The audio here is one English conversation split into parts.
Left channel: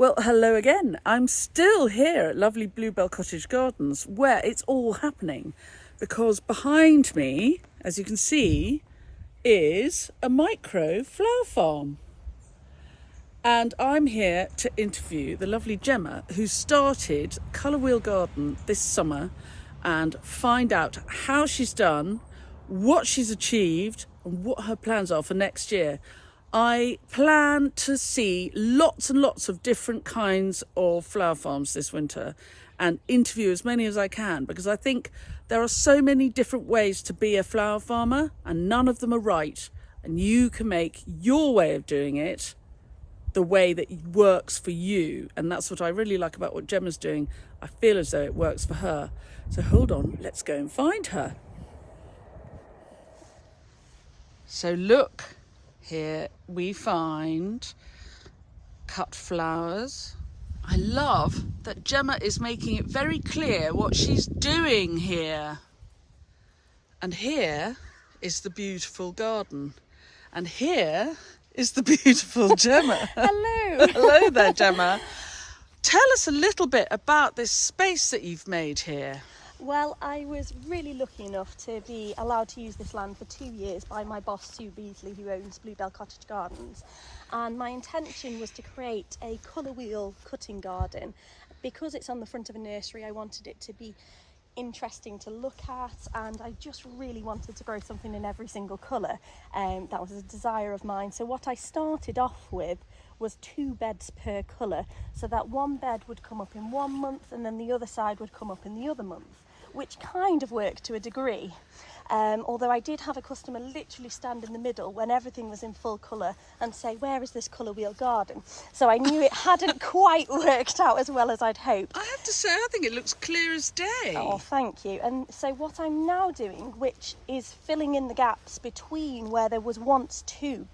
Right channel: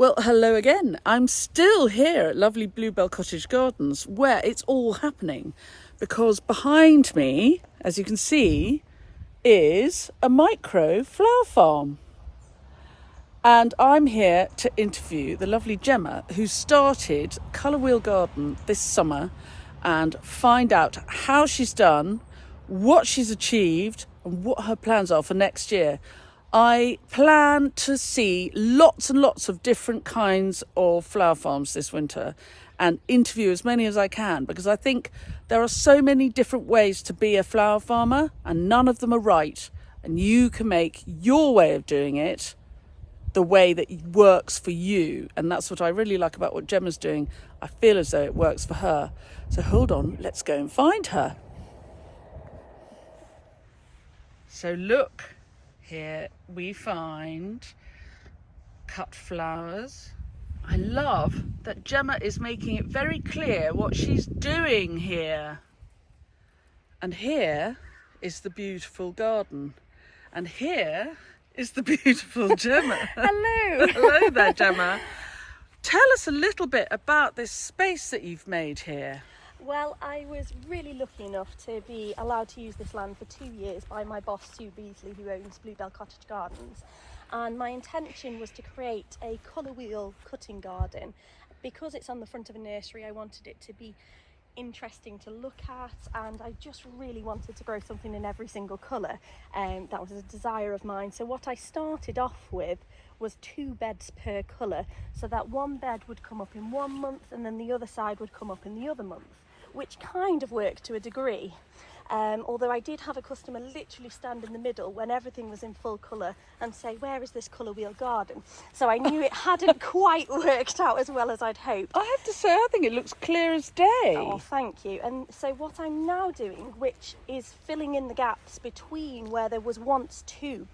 Well, hello again. I'm still here at lovely Bluebell Cottage Gardens where it's all happening because behind me, as you can see, is a micro flower farm. And I'm here to interview the lovely Gemma who started Colourwheel Garden this summer and find out how she's done, what she's achieved and what her plans are for next year. I plan to see lots and lots of different kinds of flower farms this winter and interview as many as I can because I think there are so many different ways to be a flower farmer and none of them are right. And you can make your way of doing it the way that works for you. And that's what I really like about what Gemma's doing. I feel as though it works for her. So hold on, let's go and find her. So look. Here we find cut flowers. I love that Gemma is making it very clear what she's doing here. And here is the beautiful garden. And here is the beautiful Gemma. Hello. Hello there, Gemma. Tell us a little bit about this space that you've made here. Well, I was really lucky enough to be allowed to use this land for 2 years by my boss, Sue Beasley, who owns Bluebell Cottage Gardens. And my intention was to create a colour wheel cutting garden. Because it's on the front of a nursery, I wanted it to be interesting to look at, and I just really wanted to grow something in every single colour, and that was a desire of mine. So what I started off with was 2 beds per colour, so that one bed would come up in 1 month and then the other side would come up in the other month, which kind of worked to a degree. Although I did have a customer literally stand in the middle when everything was in full colour and say, where is this Colourwheel Garden? So I knew it hadn't quite worked out as well as I'd hoped. I have to say, I think it looks clear as day. Oh, thank you. And so what I'm now doing, which is filling in the gaps between where there was once 2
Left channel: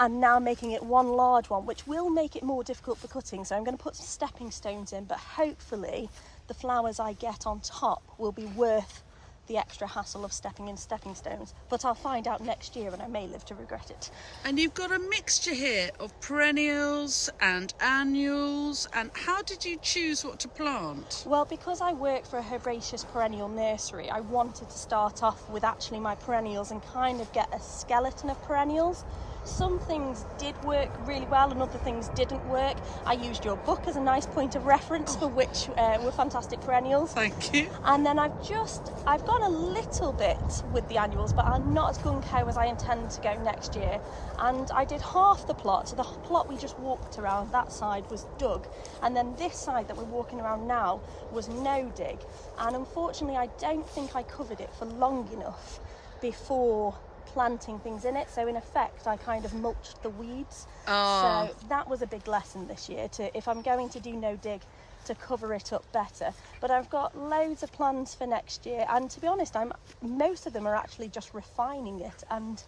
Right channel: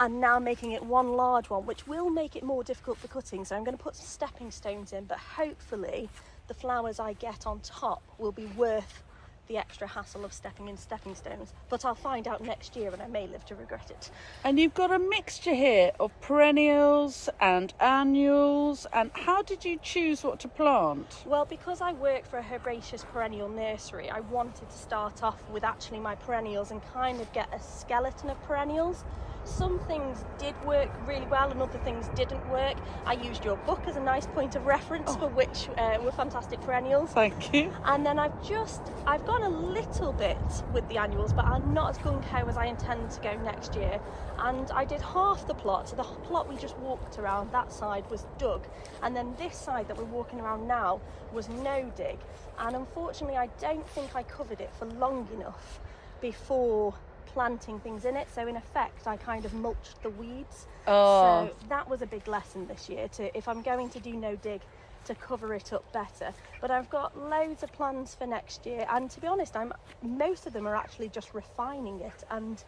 and now making it one large one, which will make it more difficult for cutting. So I'm going to put some stepping stones in, but hopefully the flowers I get on top will be worth the extra hassle of stepping in stepping stones. But I'll find out next year and I may live to regret it. And you've got a mixture here of perennials and annuals. And how did you choose what to plant? Well, because I work for a herbaceous perennial nursery, I wanted to start off with actually my perennials and kind of get a skeleton of perennials. Some things did work really well and other things didn't work. I used your book as a nice point of reference for which were fantastic perennials. Thank you. And then I've gone a little bit with the annuals, but I'm not as gung-ho as I intend to go next year. And I did half the plot, so the plot we just walked around, that side was dug. And then this side that we're walking around now was no dig. And unfortunately, I don't think I covered it for long enough before planting things in it, so in effect I kind of mulched the weeds. So that was a big lesson this year, to if I'm going to do no dig, to cover it up better. But I've got loads of plans for next year, and to be honest, most of them are actually just refining it and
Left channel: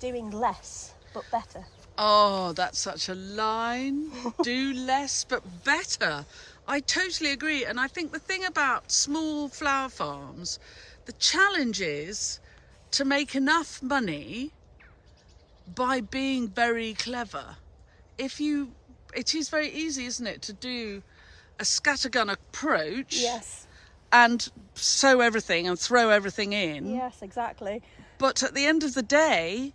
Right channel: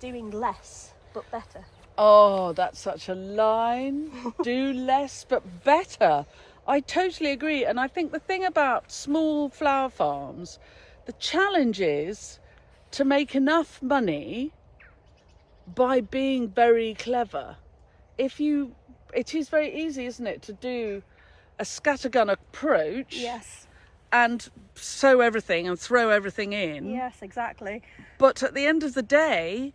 doing less but better. Oh, that's such a line. Do less but better. I totally agree. And I think the thing about small flower farms, the challenge is to make enough money by being very clever. It is very easy, isn't it, to do a scattergun approach. Yes. And sow everything and throw everything in. Yes, exactly. But at the end of the day,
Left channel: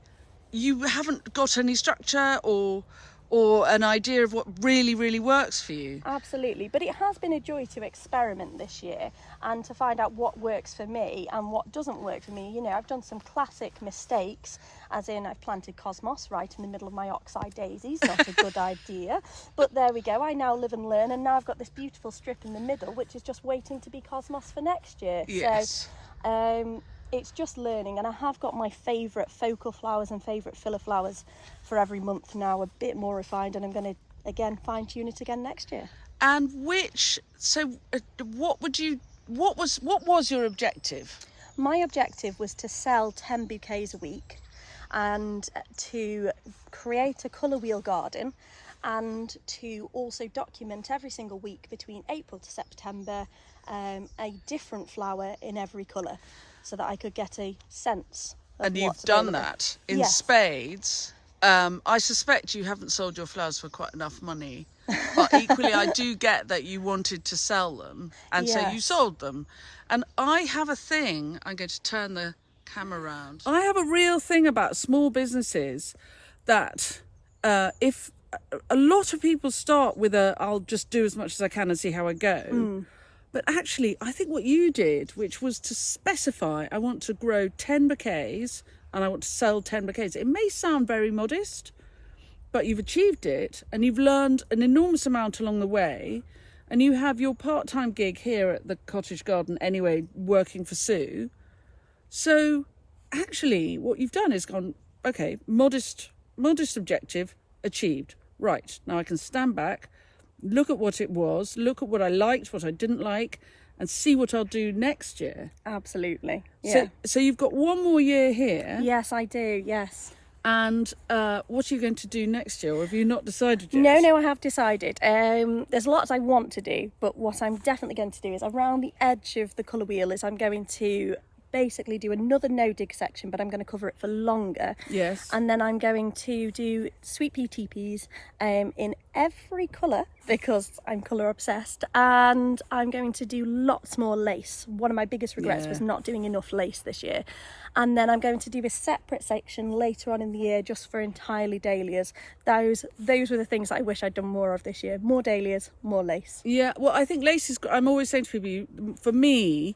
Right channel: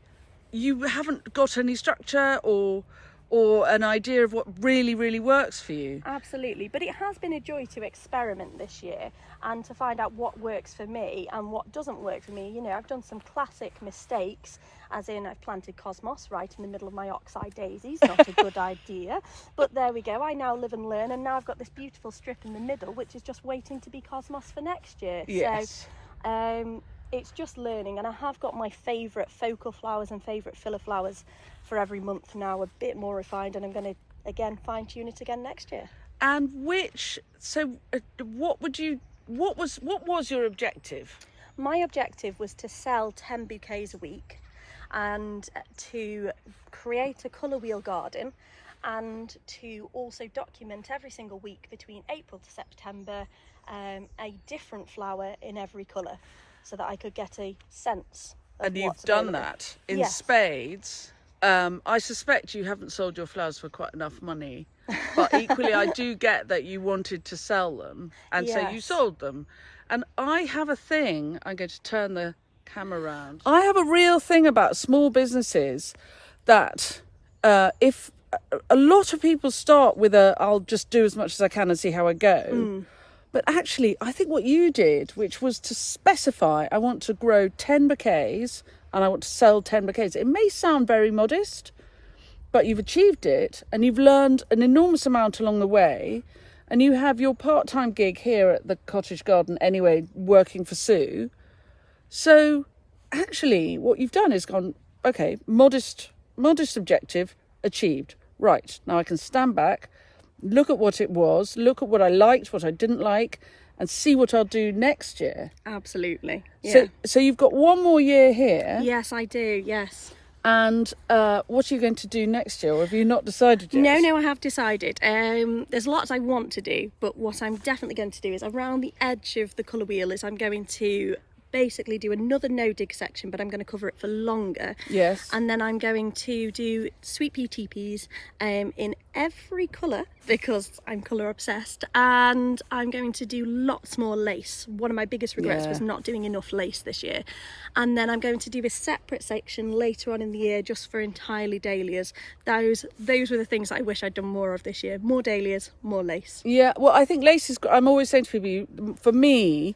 you haven't got any structure or an idea of what really, really works for you. Absolutely, but it has been a joy to experiment this year and to find out what works for me and what doesn't work for me. You know, I've done some classic mistakes, as in I've planted cosmos right in the middle of my oxeye daisies. Not a good idea, but there we go. I now live and learn, and now I've got this beautiful strip in the middle, which is just waiting to be cosmos for next year. Yes. So, it's just learning, and I have got my favourite focal flowers and favourite filler flowers for every month now, a bit more refined, and I'm going to again fine-tune it again next year. And what was your objective? My objective was to sell 10 bouquets a week and to create a colour wheel garden and to also document every single week between April to September a different flower in every colour, so that I could get a sense of And you've what's done available. that in Yes. spades. I suspect you haven't sold your flowers for quite enough money, but equally I do get that you wanted to sell them, and so you Yes. sold them. And I have a thing, I'm going to turn the camera around. I have a real thing about small businesses that if a lot of people start with I'll just do as much as I can and see how I go. But actually, I think what you did, which was to specify, I want to grow 10 bouquets and I want to sell 10 bouquets. It may sound very modest, but you've achieved it and you've learned an enormous amount along the way. And you have your part-time gig here at the cottage garden anyway, working for Sue. So actually what you've done is gone, okay, modest objective achieved. Right, now I can stand back, look at what it was, look at what I liked, what I didn't like, and see what I'll do next year. Absolutely. Yeah. So you've got one more year here. Yes, I do. Yes. And what are you going to do next year? Or have you not decided yet? No, I have decided. There's lots I want to do, but what I'm definitely going to do is around the edge of the colour wheel is I'm going to basically do another no dig section, but I'm going to cover it for longer. Yes. And then I'm going to do sweet pea teepees in every colour because I'm colour obsessed, and I'm going to do lots more lace. One of my biggest regrets was not doing enough lace this year. And then I'm going to do a separate section later on in the year just for entirely dahlias. Those were the things I wish I'd done more of this year. More dahlias, more lace. Yeah, well, I think lace is, I'm always saying to people, for me,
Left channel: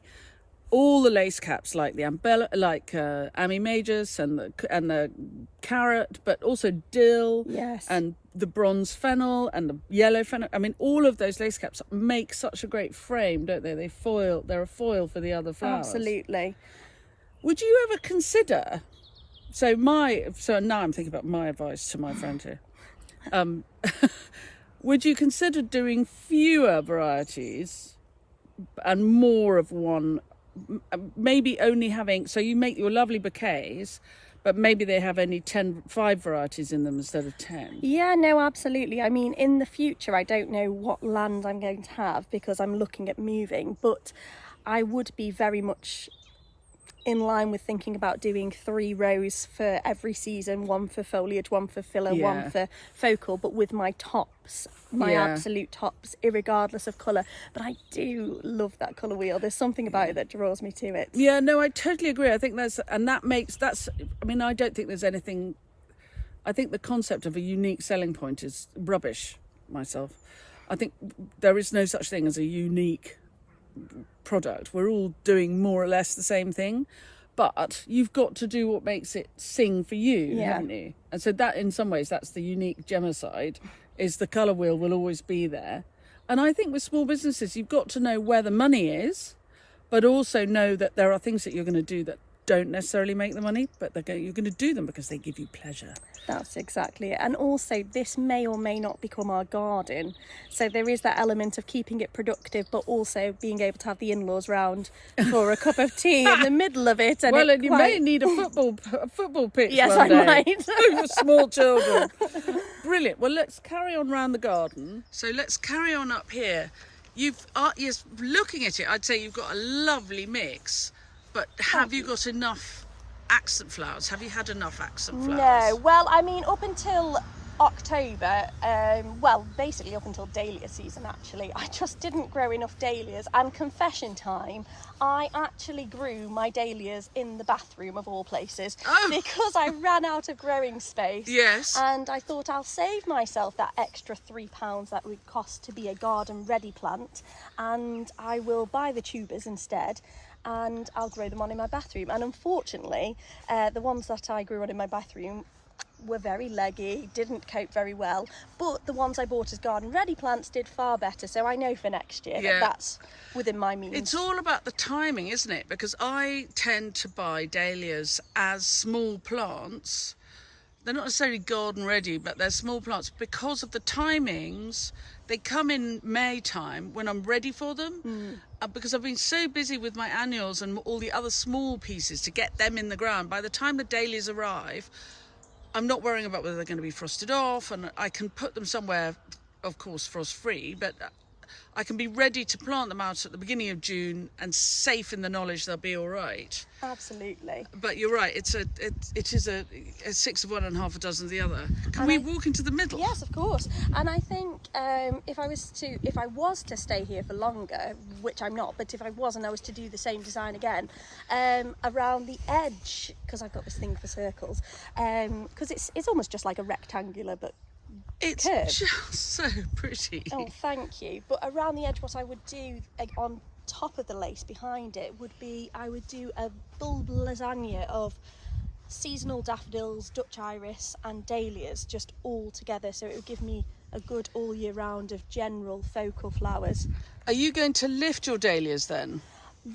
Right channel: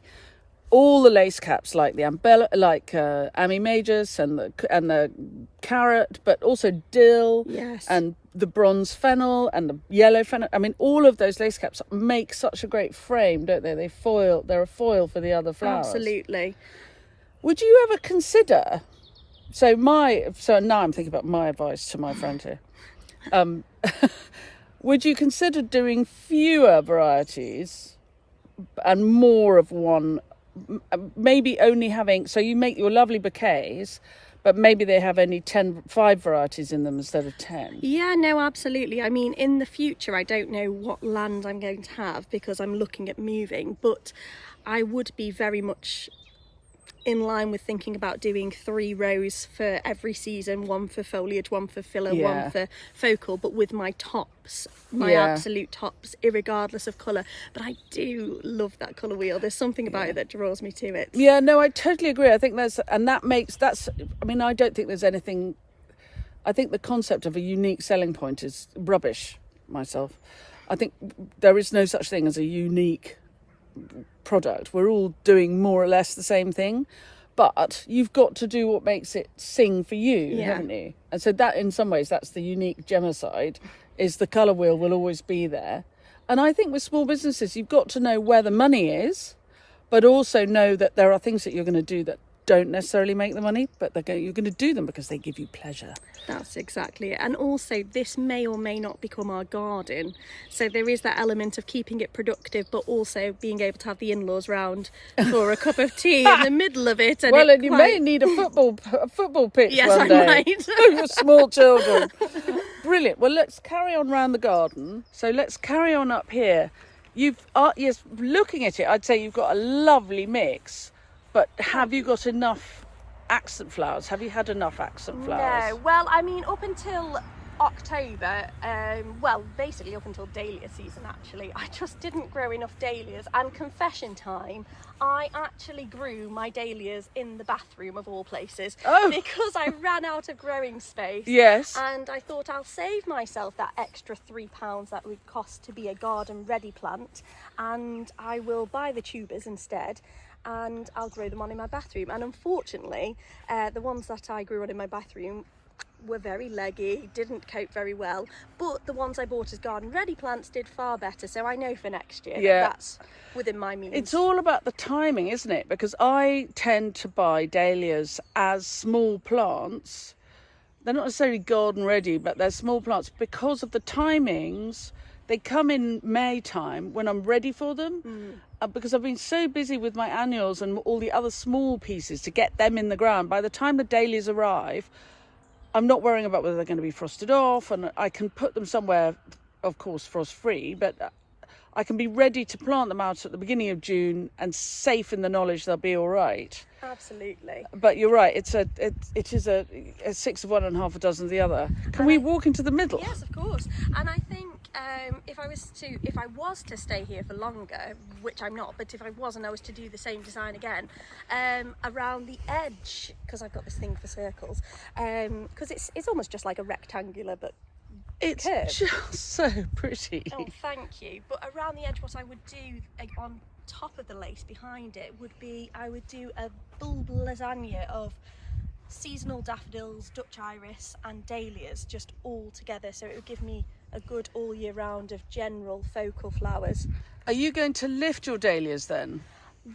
all the lace caps, like the umbrella, like Ami Majus and the carrot, but also dill, Yes, and the bronze fennel and the yellow fennel. I mean, all of those lace caps make such a great frame, don't they? They're a foil for the other flowers. absolutely. Would you ever consider? So now I'm thinking about my advice to my friend here. Would you consider doing fewer varieties and more of one? Maybe only having, so you make your lovely bouquets, but maybe they have only 5 varieties in them instead of 10. Yeah, no, absolutely. I mean, in the future, I don't know what land I'm going to have because I'm looking at moving, but I would be very much in line with thinking about doing 3 rows for every season, one for foliage, one for filler, one for focal, but with my tops, my absolute tops, irregardless of colour. But I do love that colour wheel. There's something about it that draws me to it. Yeah, no, I totally agree. I think I don't think there's anything, I think the concept of a unique selling point is rubbish myself. I think there is no such thing as a unique product. We're all doing more or less the same thing, but you've got to do what makes it sing for you, haven't you? And so that, in some ways, that's the unique Gemma side, is the colour wheel will always be there. And I think with small businesses, you've got to know where the money is, but also know that there are things that you're going to do that don't necessarily make the money, but you're going to do them because they give you pleasure. That's exactly it. And also, this may or may not become our garden. So there is that element of keeping it productive, but also being able to have the in-laws round for a cup of tea in the middle of it. And you may need a football pitch yes, one day. I might. For small children. Brilliant. Well, let's carry on round the garden. So let's carry on up here. Yes, looking at it, I'd say you've got a lovely mix. But have you got enough accent flowers? Have you had enough accent flowers? No, well, I mean, up until October, basically up until dahlia season, actually, I just didn't grow enough dahlias. And confession time, I actually grew my dahlias in the bathroom of all places because I ran out of growing space. Yes. And I thought I'll save myself that extra £3 that would cost to be a garden ready plant, and I will buy the tubers instead. And I'll grow them on in my bathroom. And unfortunately, the ones that I grew on in my bathroom were very leggy, didn't cope very well. But the ones I bought as garden ready plants did far better. So I know for next year that's within my means. It's all about the timing, isn't it? Because I tend to buy dahlias as small plants. They're not necessarily garden ready, but they're small plants because of the timings. They come in May time when I'm ready for them. Because I've been so busy with my annuals and all the other small pieces to get them in the ground. By the time the dahlias arrive, I'm not worrying about whether they're going to be frosted off, and I can put them somewhere, of course, frost free, but I can be ready to plant them out at the beginning of June and safe in the knowledge they'll be all right. Absolutely. But you're right, it is a 6 of one and half a dozen of the other. Can we walk into the middle? Yes, of course. And I think if I was to stay here for longer, which I'm not, but if I was and I was to do the same design again, around the edge, because I've got this thing for circles, because it's almost just like a rectangular, but it's curved. just so pretty. Oh, thank you. But around the edge, what I would do on top of the lace behind it would be, I would do a bulb lasagna of seasonal daffodils, Dutch iris and dahlias just all together, so it would give me a good all year round of general focal flowers. Are you going to lift your dahlias then?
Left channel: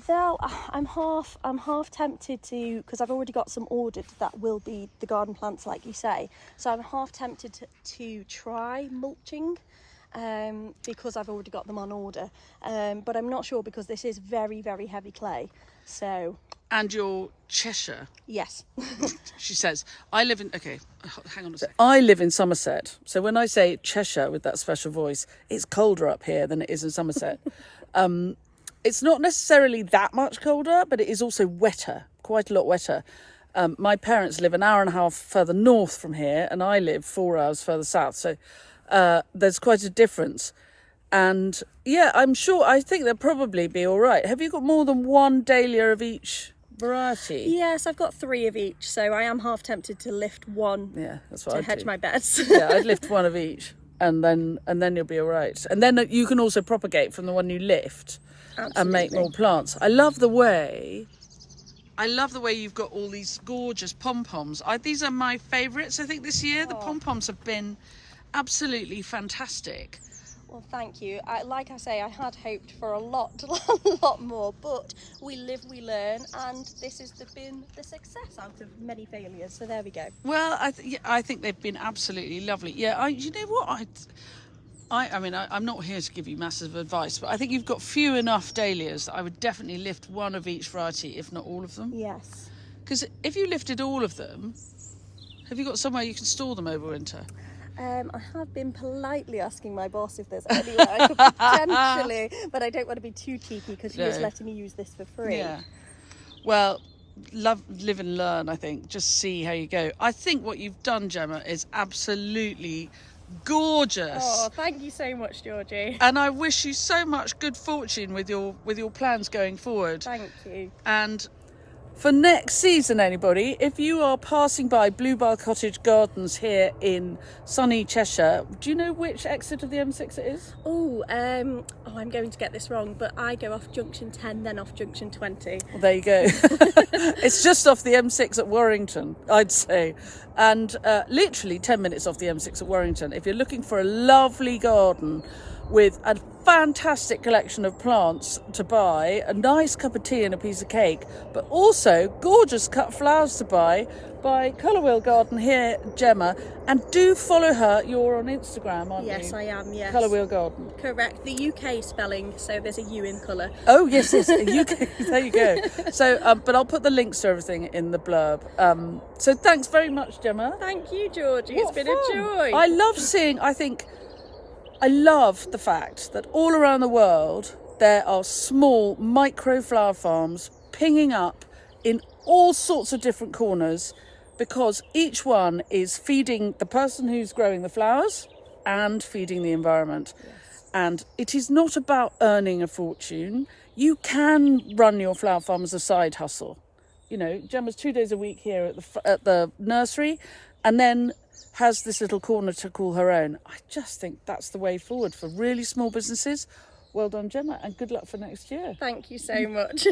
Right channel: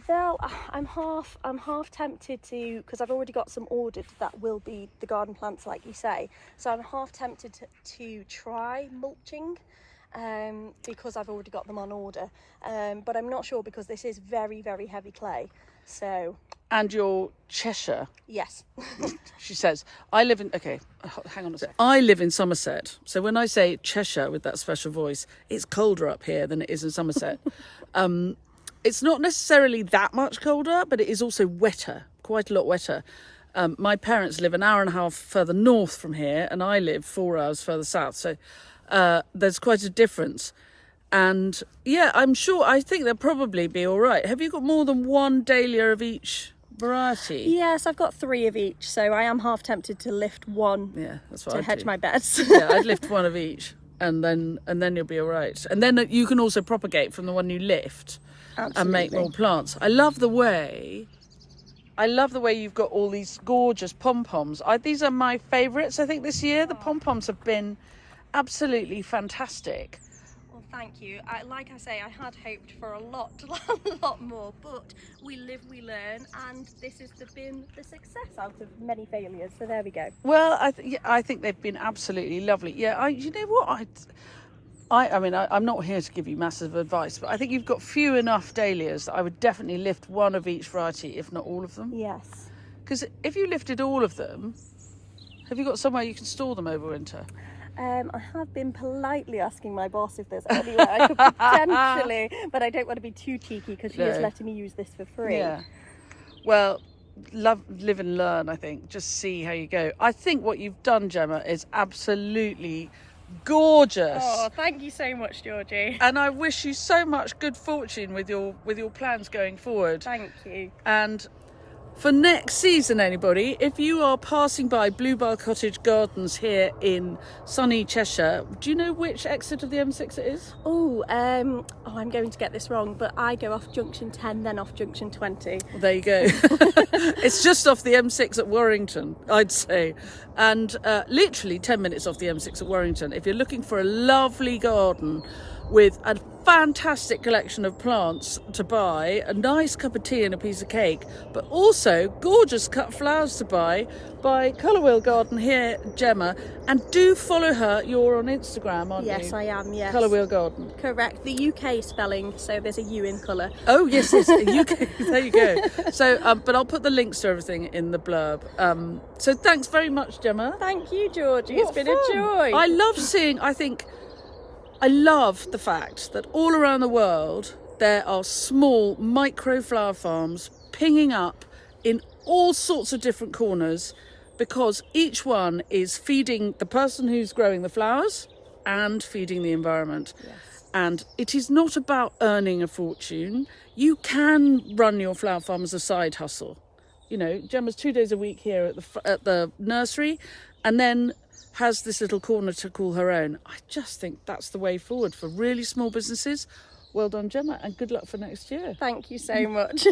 Though I'm half tempted to, because I've already got some ordered that will be the garden plants like you say, so I'm half tempted to try mulching, because I've already got them on order, but I'm not sure because this is very, very heavy clay. So. And your Cheshire. Yes. She says, I live in, okay, hang on a sec. I live in Somerset. So when I say Cheshire with that special voice, it's colder up here than it is in Somerset. It's not necessarily that much colder, but it is also wetter, quite a lot wetter. My parents live an hour and a half further north from here, and I live 4 hours further south. So there's quite a difference. And yeah, I think they'll probably be all right. Have you got more than one dahlia of each variety? Yes, I've got 3 of each, so I am half tempted to lift one. Yeah, that's what to I'd hedge do. my bets. Yeah, I'd lift one of each, and then you'll be all right. And then you can also propagate from the one you lift. Absolutely. And make more plants. I love the way you've got all these gorgeous pom poms. These are my favourites, I think, this year. The pom poms have been absolutely fantastic. Well, thank you. Like I say, I had hoped for a lot more, but we live, we learn, and this has been the success out of many failures. So there we go. Well, I think they've been absolutely lovely. Yeah, you know what? I mean, I'm not here to give you massive advice, but I think you've got few enough dahlias that I would definitely lift one of each variety, if not all of them. Yes. Because if you lifted all of them, have you got somewhere you can store them over winter? I have been politely asking my boss if there's anywhere I could potentially, but I don't want to be too cheeky because she is letting me use this for free. Yeah. Well, live and learn, I think. Just see how you go. I think what you've done, Gemma, is absolutely gorgeous. Oh, thank you so much, Georgie. And I wish you so much good fortune with your plans going forward. Thank you. And for next season, anybody, if you are passing by Bluebell Cottage Gardens here in sunny Cheshire, do you know which exit of the M6 it is? I'm going to get this wrong, but I go off junction 10, then off junction 20. Well, there you go. It's just off the M6 at Warrington, I'd say. And literally 10 minutes off the M6 at Warrington. If you're looking for a lovely garden with a fantastic collection of plants to buy, a nice cup of tea and a piece of cake, but also gorgeous cut flowers to buy Colourwheel Garden here, Gemma. And do follow her. You're on Instagram, aren't you? Yes, I am, yes. Colourwheel Garden. Correct. The UK spelling, so there's a U in colour. Oh, yes, UK. There you go. So, but I'll put the links to everything in the blurb. So thanks very much, Gemma. Thank you, Georgie. What It's been fun. a joy. I love the fact that all around the world there are small micro flower farms pinging up in all sorts of different corners, because each one is feeding the person who's growing the flowers and feeding the environment. Yes. And it is not about earning a fortune. You can run your flower farm as a side hustle. You know, Gemma's 2 days a week here at the nursery, and then has this little corner to call her own. I just think that's the way forward for really small businesses. Well done, Gemma, and good luck for next year. Thank you so much.